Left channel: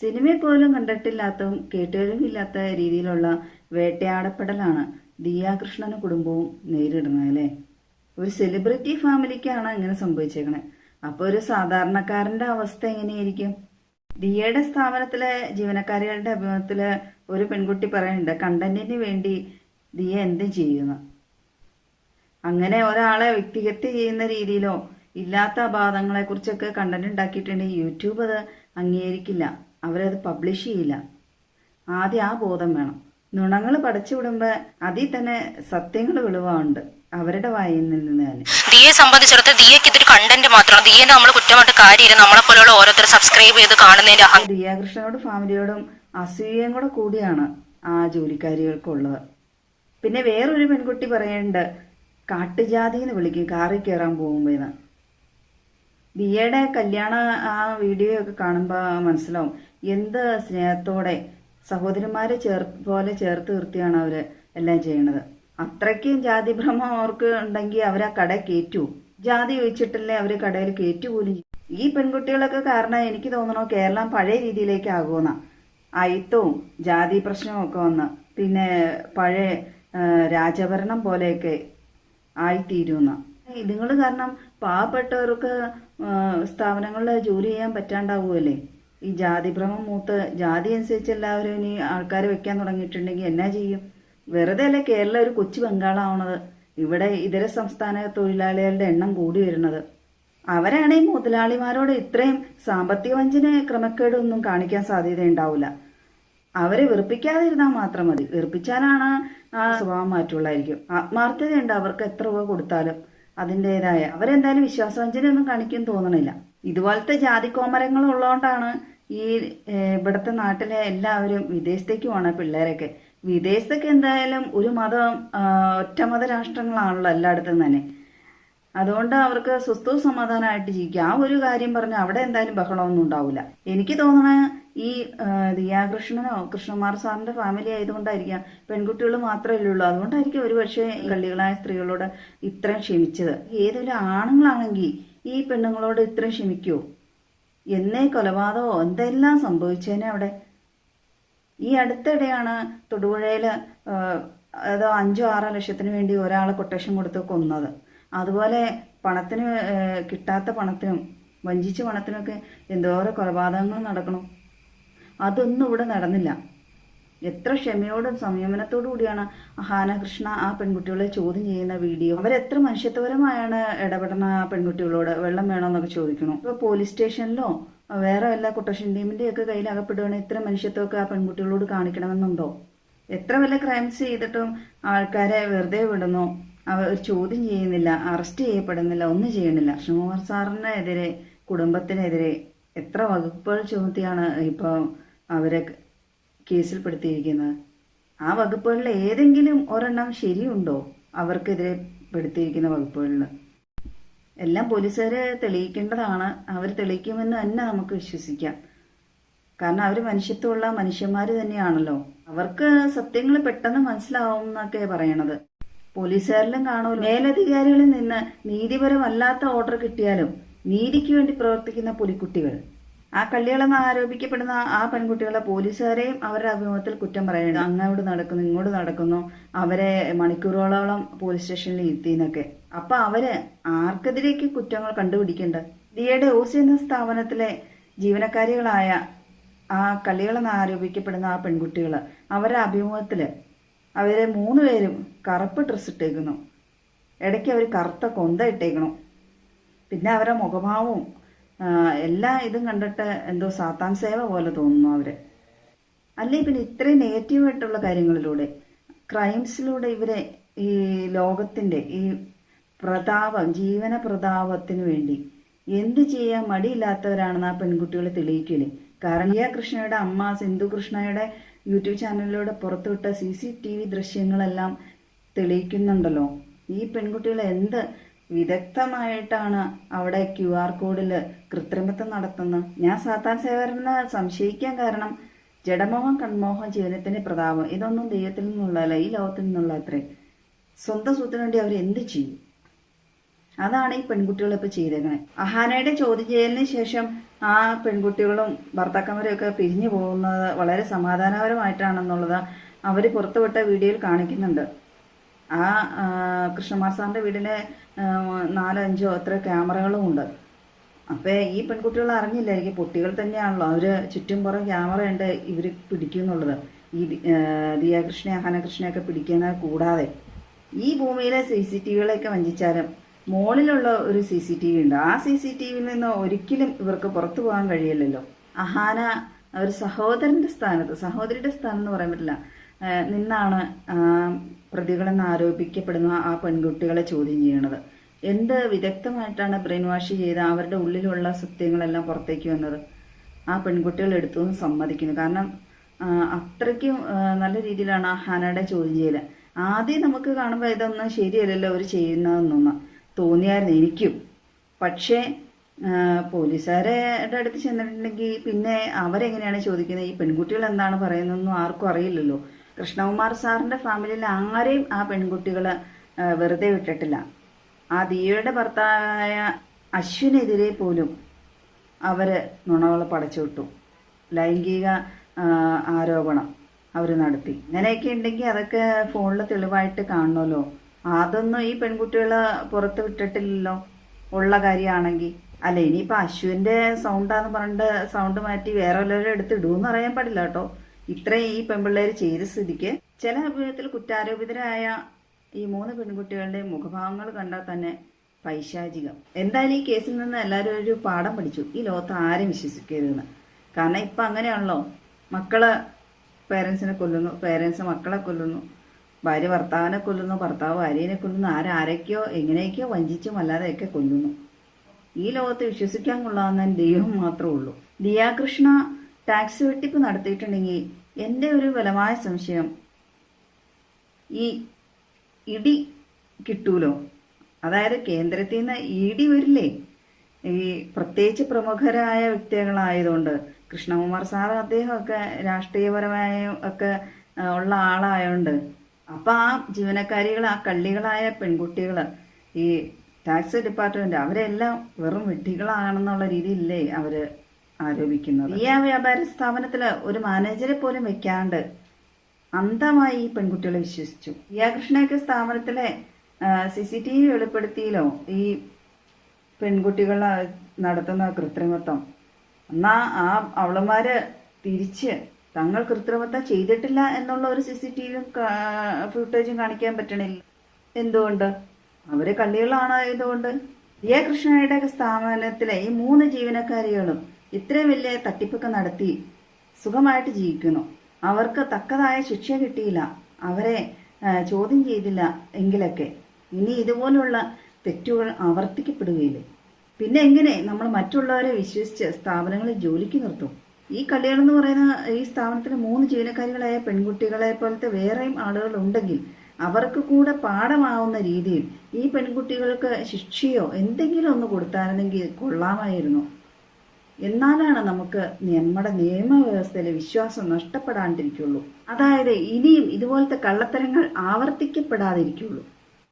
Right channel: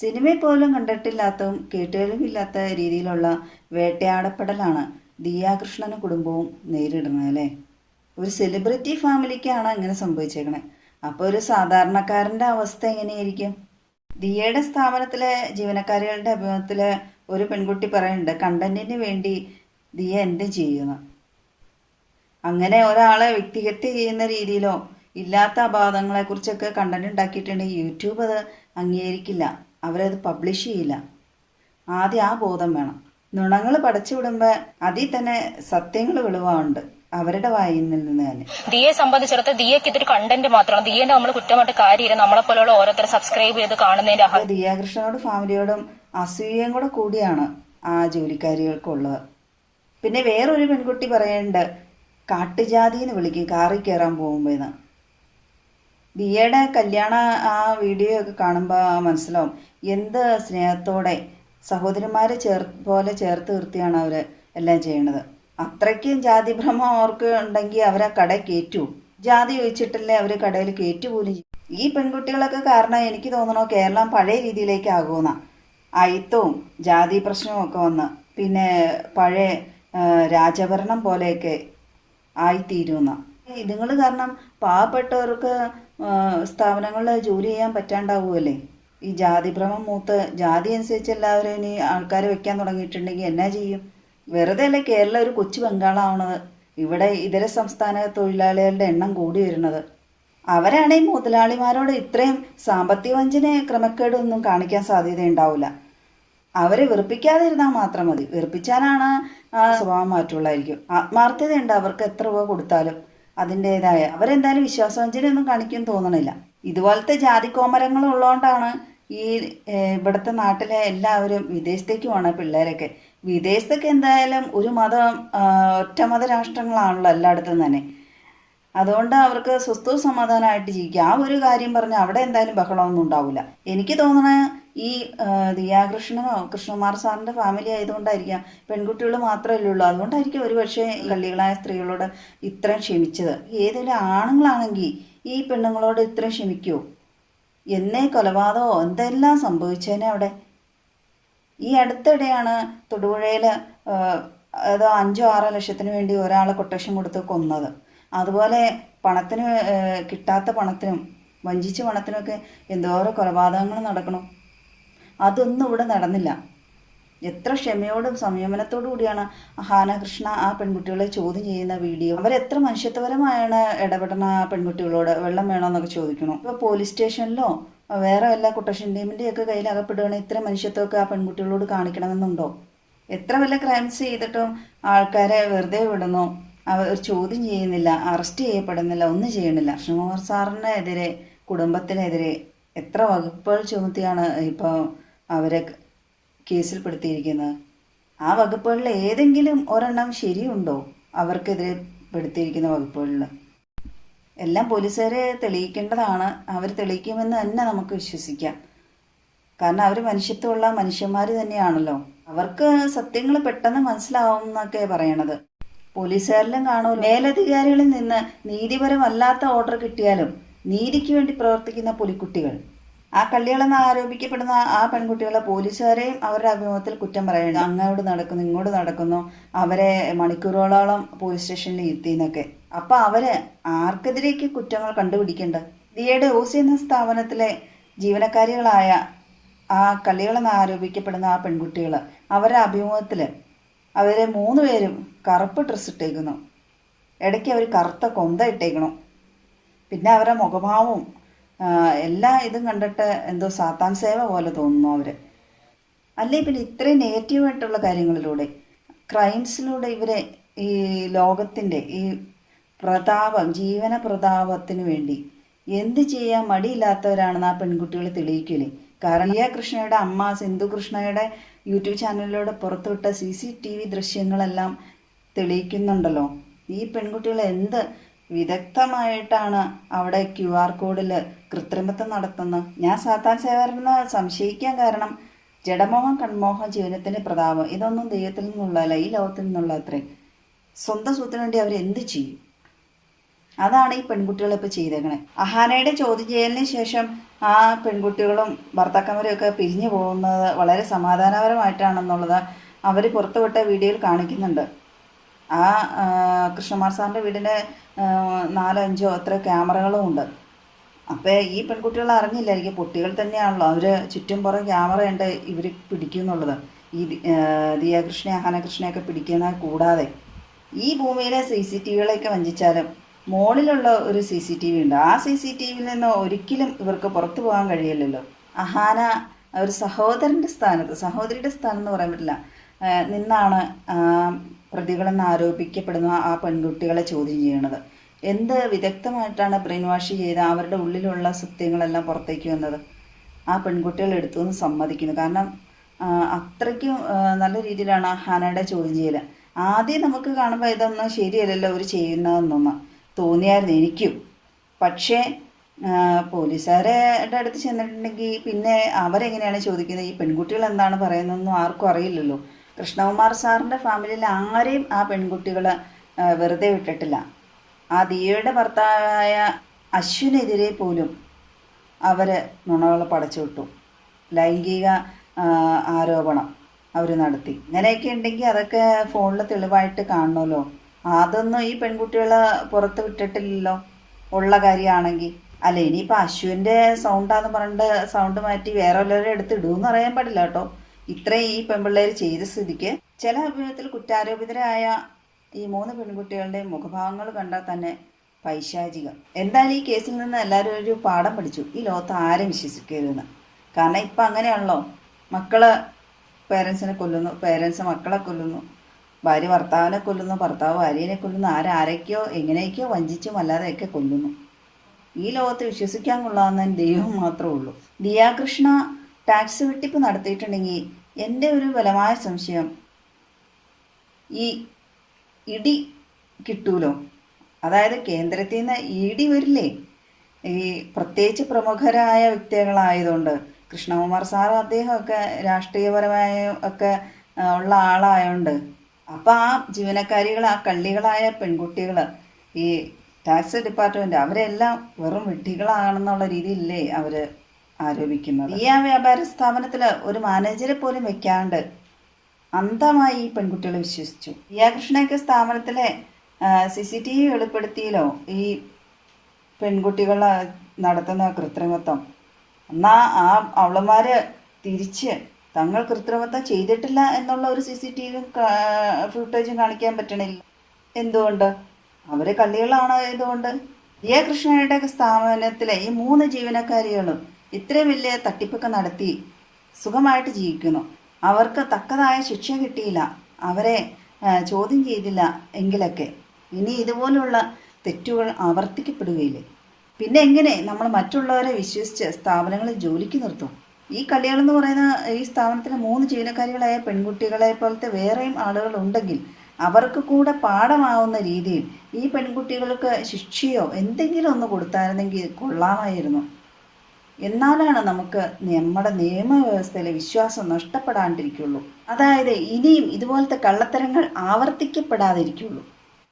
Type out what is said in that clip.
സിനിമയിൽ പോലും കണ്ടിട്ടില്ലാത്തതും കേട്ടുകേൾവില്ലാത്ത രീതിയിലുള്ള വേട്ടയാടപ്പെടലാണ് ദിയാകൃഷ്ണനും കുടുംബവും നേരിടുന്നത് അല്ലേ? ഒരു സെലിബ്രിറ്റി ഫാമിലിക്കാണ് ഇങ്ങനെ സംഭവിച്ചേക്കണേ. അപ്പോൾ ഒരു സാധാരണക്കാരന്റെ അവസ്ഥ എങ്ങനെയായിരിക്കും? ദിയയുടെ സ്ഥാപനത്തിലെ ജീവനക്കാരികളുടെ അഭിമുഖത്തിൽ ഒരു പെൺകുട്ടി പറയുന്നുണ്ട് കണ്ടന്റിന് വേണ്ടി ദിയ എന്ത് ചെയ്യുന്നു? അങ്ങനെ ഒരാളെ വ്യക്തിഹത്യ ചെയ്യുന്ന രീതിയിലോ ഇല്ലാത്ത അപാധങ്ങളെ കുറിച്ചൊക്കെ കണ്ടന്റ് ഉണ്ടാക്കിയിട്ടുണ്ടെങ്കിൽ യൂട്യൂബ് അത് അംഗീകരിക്കില്ല. അവരത് പബ്ലിഷ് ചെയ്യില്ല. ആദ്യം ആ ബോധം വേണം. നുണങ്ങൾ പടച്ചു വിടുമ്പോൾ അതിൽ തന്നെ സത്യങ്ങൾ വെളിവാണ്ട് അവരുടെ വായിൽ നിന്ന് തന്നെ. ദിയെ സംബന്ധിച്ചിടത്ത് ദിയക്ക് ഇതൊരു കണ്ടന്റ് മാത്രമാണ്. ദിയെ നമ്മൾ കുറ്റമായിട്ട് കാര്യമില്ല. നമ്മളെ പോലെയുള്ള ഓരോരുത്തർ സബ്സ്ക്രൈബ് ചെയ്ത് കാണുന്നതിന്റെ ദിയാകൃഷ്ണനോടും ഫാമിലിയോടും അസൂയയും കൂടെ കൂടിയാണ് ആ ജോലിക്കാരികൾക്കുള്ളത്. പിന്നെ വേറൊരു പെൺകുട്ടി പറയുന്നുണ്ട് കാട്ടുജാതി എന്ന് വിളിക്കും കാറിൽ കയറാൻ പോകുമ്പോഴെന്ന് ദിയയുടെ കല്യാണ ആ വീഡിയോ ഒക്കെ കാണുമ്പോൾ മനസ്സിലാവും. എന്ത് സ്നേഹത്തോടെ സഹോദരിമാരെ ചേർ പോലെ ചേർത്ത് നിർത്തിയാണ് അവർ എല്ലാം ചെയ്യണത് അത്രയ്ക്കും ജാതി ഭ്രമം അവർക്ക് ഉണ്ടെങ്കിൽ അവരെ കട കയറ്റൂ ജാതി ഒഴിച്ചിട്ടല്ലേ അവർ കടയിൽ കയറ്റു പോലും ഈ പെൺകുട്ടികളൊക്കെ കാരണം എനിക്ക് തോന്നണോ കേരളം പഴയ രീതിയിലേക്ക് ആകുമെന്ന. അയിത്തവും ജാതി പ്രശ്നവും ഒക്കെ വന്ന് പിന്നെ പഴയ രാജഭരണം പോലെയൊക്കെ ആയിത്തീരുന്ന ഇതുങ്ങൾ കാരണം പാവപ്പെട്ടവർക്ക് സ്ഥാപനങ്ങളിൽ ജോലി ചെയ്യാൻ പറ്റാണ്ടാവുമല്ലേ ഈ ജാതിഭ്രമം മൂത്ത് ജാതി അനുസരിച്ച് എല്ലാവരും ഇനി ആൾക്കാർ വെക്കാൻ തുടങ്ങിയിട്ടുണ്ടെങ്കിൽ എന്നാ ചെയ്യും? വെറുതെ അല്ലേ കേരളം ഒരു കൊച്ചു ബംഗാളാവണത്. ഇവിടെ ഇതര സംസ്ഥാന തൊഴിലാളികളുടെ എണ്ണം കൂടി വരുന്നത്. അവരാണ് ഈ മുതലാളിമാരോട് ഇത്രയും സാമ്പത്തിക വഞ്ചന ക്രമക്കേടൊന്നും കാണിക്കാൻ സാധ്യതയുണ്ടാവില്ല അവരെ വെറുപ്പിക്കാതിരുന്നാൽ മാത്രം മതി. വെറുപ്പിച്ചാലാണ് ആ സ്വഭാവം മാറ്റുള്ളായിരിക്കും. ആത്മാർത്ഥതയുണ്ട് അവർക്ക് എത്ര രൂപ കൊടുത്താലും. അതിന്റെതായ അവരെന്തായാലും വിശ്വാസവഞ്ചനയൊന്നും കാണിക്കും തോന്നണില്ല. ഇതുപോലത്തെ ജാതിക്കോമരങ്ങൾ ഉള്ളതുകൊണ്ടാണ് ഈ ഇവിടുത്തെ നാട്ടിലെ എല്ലാവരും വിദേശത്തേക്ക് പോണ പിള്ളേരൊക്കെ. വിദേശത്തൊക്കെ എന്തായാലും ഒരു മതം ഒറ്റ മത രാഷ്ട്രങ്ങളാണല്ലോ എല്ലായിടത്തും തന്നെ. അതുകൊണ്ട് അവർക്ക് സ്വസ്ഥവും സമാധാനമായിട്ട് ജീവിക്കുക ആ ഒരു കാര്യം പറഞ്ഞ് അവിടെ എന്തായാലും ബഹളമൊന്നും ഉണ്ടാവില്ല എനിക്ക് തോന്നണ ഈ ദിയാകൃഷ്ണനോ കൃഷ്ണകുമാർ സാറിന്റെ ഫാമിലി ആയതുകൊണ്ടായിരിക്കാം പെൺകുട്ടികൾ മാത്രമല്ലേ ഉള്ളൂ. അതുകൊണ്ടായിരിക്കും ഒരുപക്ഷെ കള്ളികളായ സ്ത്രീകളോട് ഇത്രയും ക്ഷമിച്ചത്. ഏതൊരു ആണുങ്ങളാണെങ്കിൽ ഈ പെണ്ണുങ്ങളോട് ഇത്ര ക്ഷമിക്കൂ? എന്നേ കൊലപാതകമോ എന്തെല്ലാം സംഭവിച്ചേനെ അവിടെ? ഈ അടുത്തിടെയാണ് തൊടുപുഴയിൽ അതോ അഞ്ചോ ആറോ ലക്ഷത്തിന് വേണ്ടി ഒരാളെ കൊട്ടേഷൻ കൊടുത്ത് കൊന്നത്. അതുപോലെ പണത്തിന് കിട്ടാത്ത പണത്തിനും വഞ്ചിച്ച പണത്തിനൊക്കെ എന്തോരം കൊലപാതകങ്ങൾ നടക്കണം. അതൊന്നും ഇവിടെ നടന്നില്ല. എത്ര ക്ഷമയോടും സംയമനത്തോടു കൂടിയാണ് ഹാനകൃഷ്ണ ആ പെൺകുട്ടികളെ ചോദ്യം ചെയ്യുന്ന വീഡിയോ. അവരെത്ര മനുഷ്യത്വപരമായാണ് ഇടപെടുന്ന ആ പെൺകുട്ടികളോട് വെള്ളം വേണോ എന്നൊക്കെ ചോദിക്കണം ഇപ്പോൾ പോലീസ് സ്റ്റേഷനിലോ വേറെ വല്ല കുട്ടേഷൻ ടീമിന്റെയൊക്കെ കയ്യിൽ അകപ്പെടുകയാണെങ്കിൽ ഇത്ര മനുഷ്യത്വമൊക്കെ ആ പെൺകുട്ടികളോട് കാണിക്കണമെന്നുണ്ടോ? എത്ര വല്ല ക്രൈംസ് ചെയ്തിട്ടും ആൾക്കാരെ വെറുതെ വിടുന്നു. അവർ ചോദ്യം ചെയ്യുന്നില്ല അറസ്റ്റ് ചെയ്യപ്പെടുന്നില്ല ഒന്നും ചെയ്യണില്ല. കൃഷ്ണകുമാർ സാറിനെതിരെ കുടുംബത്തിനെതിരെ എത്ര വകുപ്പുകൾ ചുമത്തിയാണ് ഇപ്പോൾ അവരെ കേസിൽപ്പെടുത്തിയിരിക്കുന്നത്. ആ വകുപ്പുകളിൽ ഏതെങ്കിലും ഒരെണ്ണം ശരിയുണ്ടോ? അവർക്കെതിരെ പെടുത്തിയിരിക്കുന്ന വകുപ്പുകളിൽ. എല്ലാം പോലീസുകാരെ തെളിയിക്കേണ്ടതാണ്. അവർ തെളിയിക്കുമെന്ന് തന്നെ നമുക്ക് വിശ്വസിക്കാം. കാരണം അവർ മനുഷ്യത്വമുള്ള മനുഷ്യന്മാർ തന്നെയാണല്ലോ. അവർക്ക് സത്യങ്ങൾ പെട്ടെന്ന് മനസ്സിലാവും എന്നൊക്കെ പറയണത്. പോലീസുകാരിലും കാണുമല്ലോ. മേലധികാരികളിൽ നിന്ന് നീതിപരമല്ലാത്ത ഓർഡർ കിട്ടിയാലും നീതിക്ക് വേണ്ടി പ്രവർത്തിക്കുന്ന പുലിക്കുട്ടികൾ. ആ കള്ളികളെന്ന് ആരോപിക്കപ്പെടുന്ന ആ പെൺകുട്ടികളെ പോലീസുകാരെയും അവരുടെ അഭിമുഖത്തിൽ കുറ്റം പറയുന്നു അങ്ങോട്ട് നടക്കുന്നു ഇങ്ങോട്ട് നടക്കുന്നു. അവരെ മണിക്കൂറുകളോളം പോലീസ് സ്റ്റേഷനിൽ ഇരുത്തിന്നൊക്കെ അപ്പൊ അവർ ആർക്കെതിരേക്ക് കുറ്റങ്ങൾ കണ്ടുപിടിക്കേണ്ടത് ദിയയുടെ ഓസി എന്ന സ്ഥാപനത്തിലെ ജീവനക്കാരികളായ ആ കള്ളികളെന്ന് ആരോപിക്കപ്പെടുന്ന ആ പെൺകുട്ടികൾ അവരുടെ അഭിമുഖത്തിൽ അവരെ മൂന്ന് പേരും കറുപ്പ് ഡ്രസ്സ് ഇട്ടേക്കുന്നു. ഇടയ്ക്ക് അവർ കറുത്ത കൊന്ത ഇട്ടേക്കണം പിന്നെ അവരുടെ മുഖഭാവവും എല്ലാ ഇതും കണ്ടിട്ട് എന്തോ സാത്താൻ സേവ പോലെ തോന്നുന്നു അവർ അല്ലേ പിന്നെ ഇത്രയും നെഗറ്റീവായിട്ടുള്ള കാര്യങ്ങളിലൂടെ ക്രൈംസിലൂടെ ഇവരെ ഈ ലോകത്തിന്റെ ഈ പ്രതാപം ജീവന പ്രതാപത്തിന് വേണ്ടി എന്ത് ചെയ്യാൻ മടിയില്ലാത്തവരാണെന്ന് ആ പെൺകുട്ടികളെ തെളിയിക്കില്ലേ കാരണം റിയ കൃഷ്ണയുടെ അമ്മ സിന്ധു കൃഷ്ണയുടെ യൂട്യൂബ് ചാനലിലൂടെ പുറത്തുവിട്ട സി സി ടി വി ദൃശ്യങ്ങളെല്ലാം തെളിയിക്കുന്നുണ്ടല്ലോ. ഈ പെൺകുട്ടികൾ എന്ത് വിദഗ്ധമായിട്ടാണ് അവിടെ ക്യു ആർ കോഡിൽ കൃത്രിമത്വം നടത്തുന്നത്. ഞാൻ സാത്താൻ സേവരനെ സംശയിക്കാൻ കാരണം ജഡമോഹം കൺമോഹം ജീവനത്തിന്റെ പ്രതാപം. ഇതൊന്നും ദൈവത്തിൽ നിന്നുള്ളതല്ല ഈ ലോകത്തിൽ നിന്നുള്ള അത്രേ. സ്വന്തം സ്വത്തിന് വേണ്ടി അവർ എന്ത് ചെയ്യും? അതാണ് ഈ പെൺകുട്ടികൾ ഇപ്പോൾ ചെയ്തേക്കണേ. അഹാനയുടെ ചോദ്യം ചെയ്യലിന് ശേഷം ആ പെൺകുട്ടികളും ഭർത്താക്കന്മാരും ഒക്കെ പിരിഞ്ഞു പോകുന്നത് വളരെ സമാധാനപരമായിട്ടാണെന്നുള്ളത് അവർ പുറത്തുവിട്ട വീഡിയോയിൽ കാണിക്കുന്നുണ്ട്. ആ കൃഷ്ണമാർ സാറിന്റെ വീടിന് നാലോ അഞ്ചോ അത്ര ക്യാമറകളും ഉണ്ട്. അപ്പോൾ ഈ പെൺകുട്ടികൾ അറിഞ്ഞില്ലായിരിക്കും. കുട്ടികൾ തന്നെയാണല്ലോ. അവർ ചുറ്റും പുറം ക്യാമറ ഉണ്ട് ഇവർ പിടിക്കുന്നുള്ളത്. ഈ ആ, ദിയാകൃഷ്ണ അഹനകൃഷ്ണയൊക്കെ പിടിക്കുന്നത് കൂടാതെ. ഈ ഭൂമിയിലെ സി സി ടി വികളെയൊക്കെ വഞ്ചിച്ചാലും മോളിലുള്ള ഒരു സി സി ടി വി ഉണ്ട്. ആ സി സി ടി വിയിൽ നിന്ന് ഒരിക്കലും ഇവർക്ക് പുറത്തു പോകാൻ കഴിയില്ലല്ലോ. അഹാന ഒരു സഹോദരന്റെ സ്ഥാനത്ത് സഹോദരിയുടെ സ്ഥാനം എന്ന് പറയാൻ പറ്റില്ല. നിന്നാണ് പ്രതികളെന്ന് ആരോപിക്കപ്പെടുന്ന ആ പെൺകുട്ടികളെ ചോദ്യം ചെയ്യണത്. എന്ത് വിദഗ്ധമായിട്ടാണ് ബ്രെയിൻ വാഷ് ചെയ്ത് അവരുടെ ഉള്ളിലുള്ള സത്യങ്ങളെല്ലാം പുറത്തേക്ക് വന്നത്? ആ പെൺകുട്ടികൾ എടുത്തു എന്ന് സമ്മതിക്കുന്നു. കാരണം അത്രയ്ക്കും നല്ല രീതിയിലാണ് ഹാനയുടെ ചോദ്യം ചെയ്യൽ ആദ്യം നമുക്ക് കാണുമ്പോൾ ഇതൊന്നും ശരിയല്ലല്ലോ അവർ ചെയ്യുന്നതെന്നൊന്ന് തോന്നിയായിരുന്നു എനിക്കും. പക്ഷേ പോലീസുകാരുടെ അടുത്ത് ചെന്നിട്ടുണ്ടെങ്കിൽ പിന്നെ അവരെങ്ങനെയാണ് ചോദിക്കുന്നത്? ഈ പെൺകുട്ടികൾ എന്താണ് പറയുന്നതെന്നും ആർക്കും അറിയില്ലല്ലോ. കൃഷ്ണകുമാർ സാറിന്റെ ഫാമിലിയിൽ ആരെയും ആ പെൺകുട്ടികൾ വെറുതെ വിട്ടിട്ടില്ല. ആ ദിയയുടെ ഭർത്താവായ അശ്വിനെതിരെ പോലും അവർ നുണകൾ പടച്ചു വിട്ടു. ലൈംഗിക ആരോപണം അവർ നടത്തി. ഇങ്ങനെയൊക്കെ ഉണ്ടെങ്കിൽ അതൊക്കെ ഫോണിൽ തെളിവായിട്ട് കാണണമല്ലോ. അതൊന്നും ഈ പെൺകുട്ടികൾ പുറത്ത് വിട്ടിട്ടില്ലല്ലോ. ഉള്ള കാര്യമാണെങ്കിൽ അല്ല ഇനിയിപ്പോൾ അശ്വിന്റെ സൗണ്ടാന്ന് പറഞ്ഞിട്ട് സൗണ്ട് മാറ്റി വേറെ വല്ലവരും എടുത്ത് ഇടുമെന്ന് അറിയാൻ പാടില്ല കേട്ടോ. ഇത്രയും ഈ പെൺപിള്ളേർ ചെയ്ത സ്ഥിതിക്ക് ചില അഭിമുഖത്തിൽ കുറ്റാരോപിതരായ ഈ മൂന്ന് പെൺകുട്ടികളുടെ മുഖഭാവങ്ങൾ കണ്ടാൽ തന്നെ പൈശാചികം. എന്തായാലും ഈ കേസിൽ നിന്ന് എല്ലാവരും ഒരു പാഠം പഠിച്ചു. ഈ ലോകത്ത് ആരും വിശ്വസിക്കരുതെന്ന്. കാരണം ഇപ്പം അങ്ങനെയാണല്ലോ. മക്കൾ പേരൻസിനെ കൊല്ലുന്നു പേരൻസ് മക്കളെ കൊല്ലുന്നു ഭാര്യ ഭർത്താവിനെ കൊല്ലുന്നു ഭർത്താവ് ഭാര്യനെ കൊല്ലുന്നു ആരാരൊക്കെയോ എങ്ങനെയൊക്കെയോ വഞ്ചിച്ചും അല്ലാതെയൊക്കെ കൊല്ലുന്നു. ഈ ലോകത്ത് വിശ്വസിക്കാൻ കൊള്ളാവുന്ന ദൈവം മാത്രമേ ഉള്ളൂ. ദിയാകൃഷ്ണ ടാക്സി വെട്ടിപ്പ് നടത്തിയിട്ടുണ്ടെങ്കിൽ എന്റെ ഒരു ബലമായ സംശയം ഈ ഇടി കിട്ടൂലോ? അതായത് കേന്ദ്രത്തിൽ നിന്ന് ഇടി വരില്ലേ? ഈ പ്രത്യേകിച്ച് പ്രമുഖരായ വ്യക്തികളായതുകൊണ്ട് കൃഷ്ണകുമാർ സാർ അദ്ദേഹമൊക്കെ രാഷ്ട്രീയപരമായ ഒക്കെ ഉള്ള ആളായതുകൊണ്ട് അപ്പം ആ ജീവനക്കാരികൾ ആ കള്ളികളായ പെൺകുട്ടികൾ ഈ ടാക്സ് ഡിപ്പാർട്ട്മെന്റ് അവരെല്ലാം വെറും വിഡ്ഢികളാണെന്നുള്ള രീതിയിലല്ലേ അവർ ആരോപിക്കുന്നത്. ഈ വ്യാപാര സ്ഥാപനത്തിൽ ഒരു മാനേജരെ പോലും വെക്കാണ്ട് അന്ധമായി ഈ പെൺകുട്ടികളെ വിശ്വസിച്ചു. ദിയാകൃഷ്ണയൊക്കെ സ്ഥാപനത്തിലെ സി സി ടി വി വെളിപ്പെടുത്തിയിലോ ഈ പെൺകുട്ടികൾ നടത്തുന്ന കൃത്രിമത്വം. എന്നാ ആ അവളന്മാര് തിരിച്ച് തങ്ങൾ കൃത്രിമത്വം ചെയ്തിട്ടില്ല എന്നുള്ള ഒരു സി സി ടി വിയും ഫുട്ടേജും കാണിക്കാൻ പറ്റണില്ല. എന്തുകൊണ്ട്? അവർ കള്ളികളാണ് ഇതുകൊണ്ട് എ കൃഷ്ണയുടെ സ്ഥാപനത്തിലെ ഈ മൂന്ന് ജീവനക്കാരികളും ഇത്രയും വലിയ തട്ടിപ്പൊക്കെ നടത്തി സുഖമായിട്ട് ജീവിക്കുന്നു. അവർക്ക് തക്കതായ ശിക്ഷ കിട്ടിയില്ല. അവരെ ചോദ്യം ചെയ്തില്ല എങ്കിലൊക്കെ. ഇനി ഇതുപോലുള്ള തെറ്റുകൾ ആവർത്തിക്കപ്പെടുകയില്ലേ? പിന്നെ എങ്ങനെ നമ്മൾ മറ്റുള്ളവരെ വിശ്വസിച്ച് സ്ഥാപനങ്ങളിൽ ജോലിക്ക് നിർത്തും? ഈ കല്യാണം പറയുന്ന ഈ സ്ഥാപനത്തിലെ മൂന്ന് ജീവനക്കാരികളായ പെൺകുട്ടികളെ പോലത്തെ വേറെയും ആളുകൾ ഉണ്ടെങ്കിൽ അവർക്ക് കൂടെ പാഠമാവുന്ന രീതിയിൽ ഈ പെൺകുട്ടികൾക്ക് ശിക്ഷയോ എന്തെങ്കിലും ഒന്ന് കൊടുത്തായിരുന്നെങ്കിൽ കൊള്ളാമായിരുന്നു. എന്നാലാണ് നമുക്ക് നമ്മുടെ നിയമവ്യവസ്ഥയിലെ വിശ്വാസം നഷ്ടപ്പെടാണ്ടിരിക്കുള്ളൂ. അതായത് ഇനിയും ഇതുപോലത്തെ കള്ളത്തരങ്ങൾ ആവർത്തിക്കപ്പെടാതിരിക്കുള്ളൂ.